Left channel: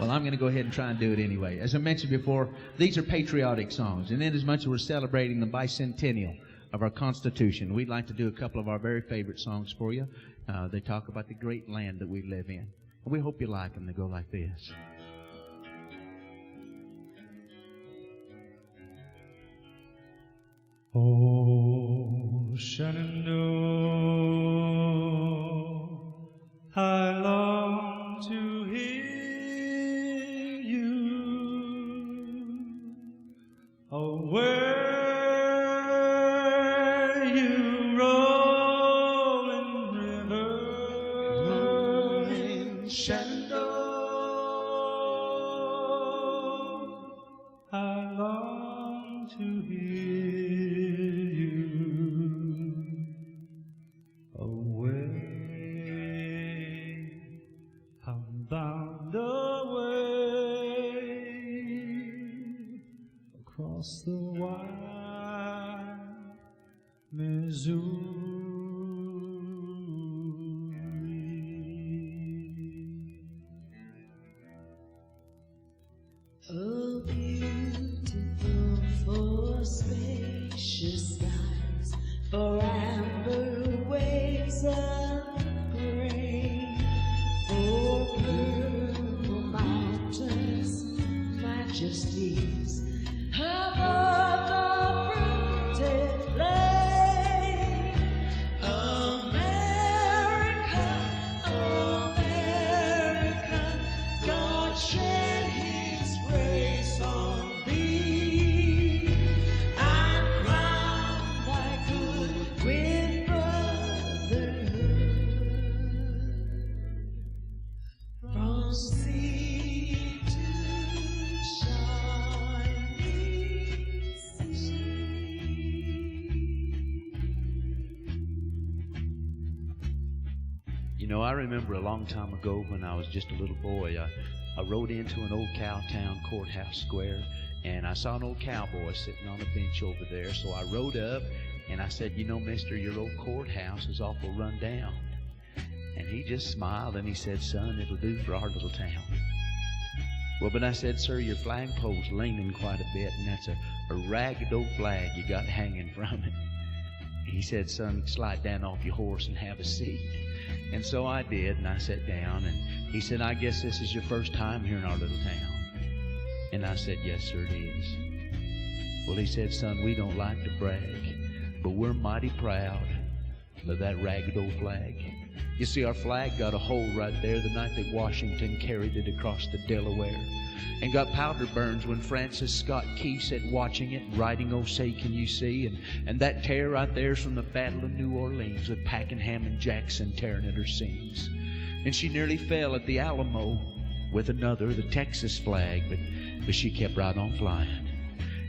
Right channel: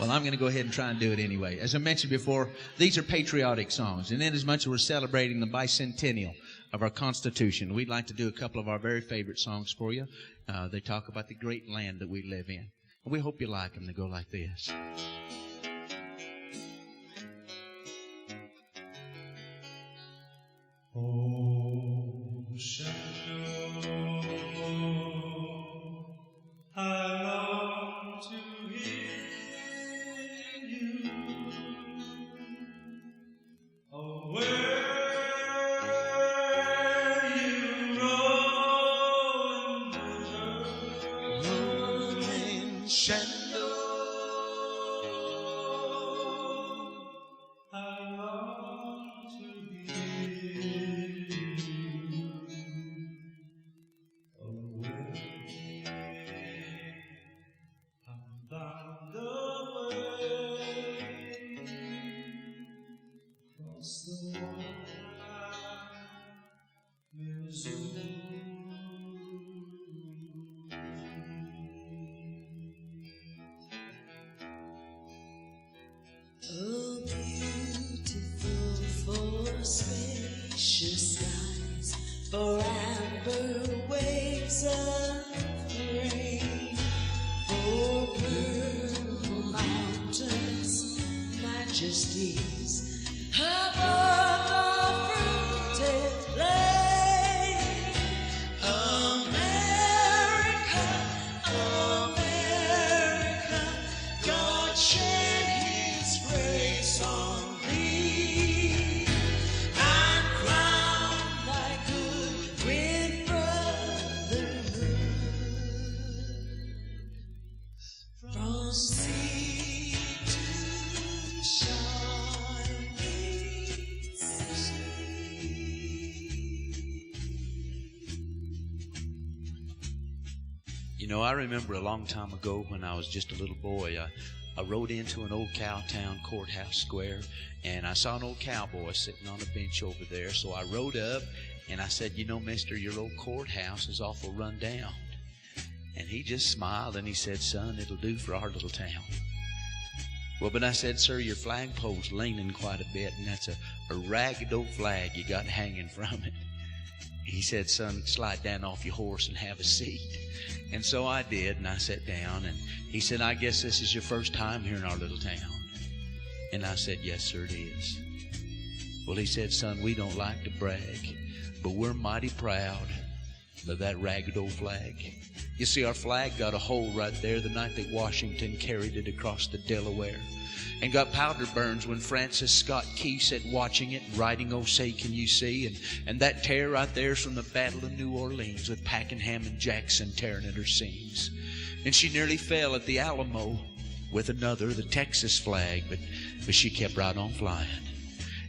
Well, I'm going to go ahead and try and do it anyway. As I mentioned before, these are patriotic songs, and inasmuch as we're celebrating the bicentennial of our Constitution, we'd like to do a couple of our very favorite songs for you. They talk about the great land that we live in. And we hope you like them. They go like this. Oh, Shenandoah, I long to hear you. Oh, where you rolling river, rolling Shenandoah, I long to hear. Across the wide Missouri. Oh, beautiful for spacious skies, for amber waves of grain, for purple mountains, majesties above the fruited plain. America, America, God shed His grace on thee, and crown thy good with brotherhood. From sea to shining sea. You know, I remember a long time ago when I was just a little boy, I rode into an old Cowtown courthouse square, and I saw an old cowboy sitting on a bench over there. So I rode up, and I said, you know, mister, your old courthouse is awful run down. And he just smiled, and he said, son, it'll do for our little town. Well, but I said, sir, your flagpole's leaning quite a bit, and that's a ragged old flag you got hanging from it. He said, son, slide down off your horse and have a seat. And so I did, and I sat down, and he said, I guess this is your first time here in our little town. And I said, yes, sir, it is. Well, he said, son, we don't like to brag, but we're mighty proud of that ragged old flag. You see, our flag got a hole right there the night that Washington carried it across the Delaware, and got powder burns when Francis Scott Key sat watching it, writing, oh, say, can you see? And that tear right there's from the Battle of New Orleans, with Pakenham and Jackson tearing at her seams. And she nearly fell at the Alamo with another, the Texas flag, but she kept right on flying.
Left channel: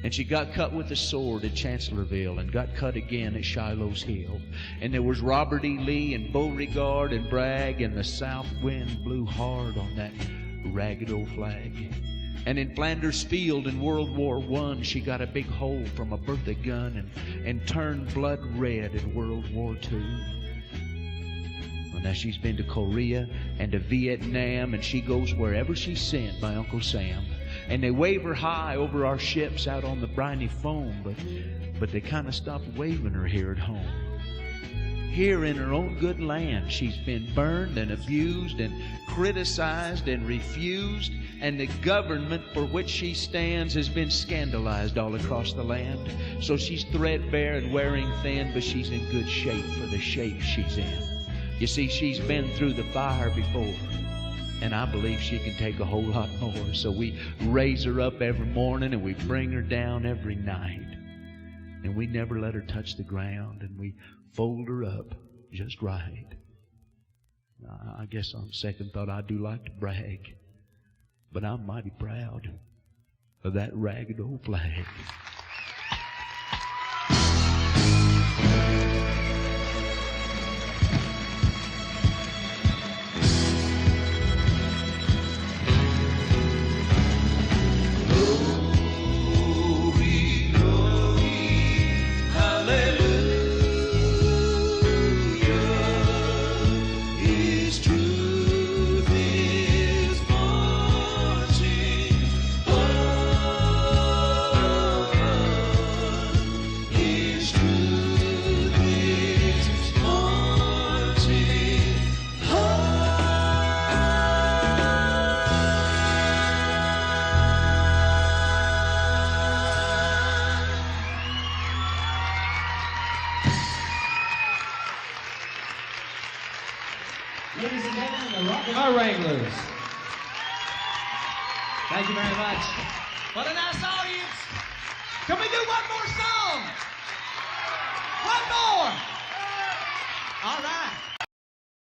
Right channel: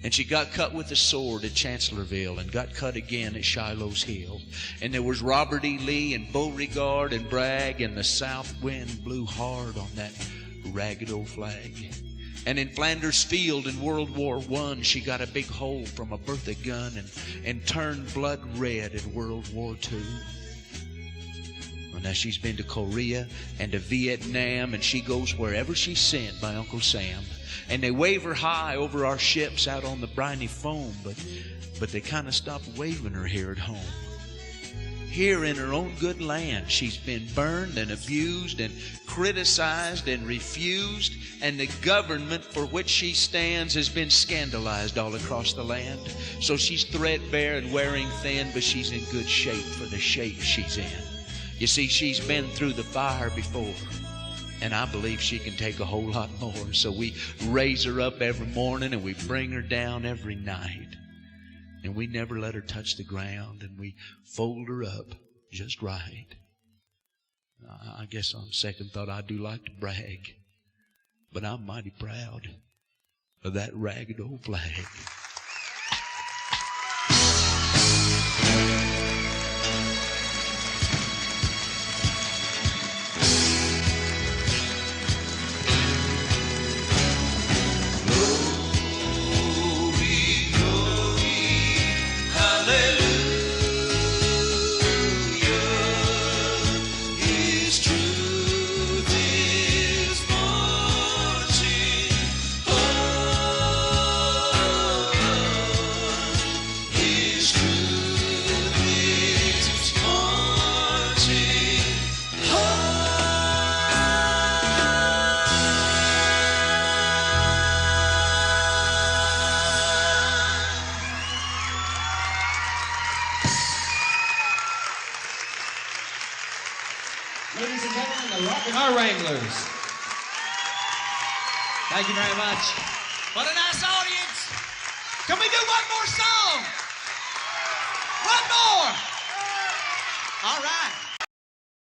And she got cut with a sword at Chancellorsville, and got cut again at Shiloh's Hill. And there was Robert E. Lee and Beauregard and Bragg, and the south wind blew hard on that ragged old flag. And in Flanders Field in World War I, she got a big hole from a Bertha gun, and turned blood red in World War II. Well, now she's been to Korea and to Vietnam, and she goes wherever she's sent by Uncle Sam. And they wave her high over our ships out on the briny foam, but they kind of stopped waving her here at home. Here in her own good land, she's been burned and abused and criticized and refused, and the government for which she stands has been scandalized all across the land. So she's threadbare and wearing thin, but she's in good shape for the shape she's in. You see, she's been through the fire before, and I believe she can take a whole lot more. So we raise her up every morning, and we bring her down every night. And we never let her touch the ground, and we fold her up just right. I guess on second thought, I do like to brag, but I'm mighty proud of that ragged old flag. His truth is more our Wranglers. Thank you very much. What a nice audience. Can we do one more song? One more. All right.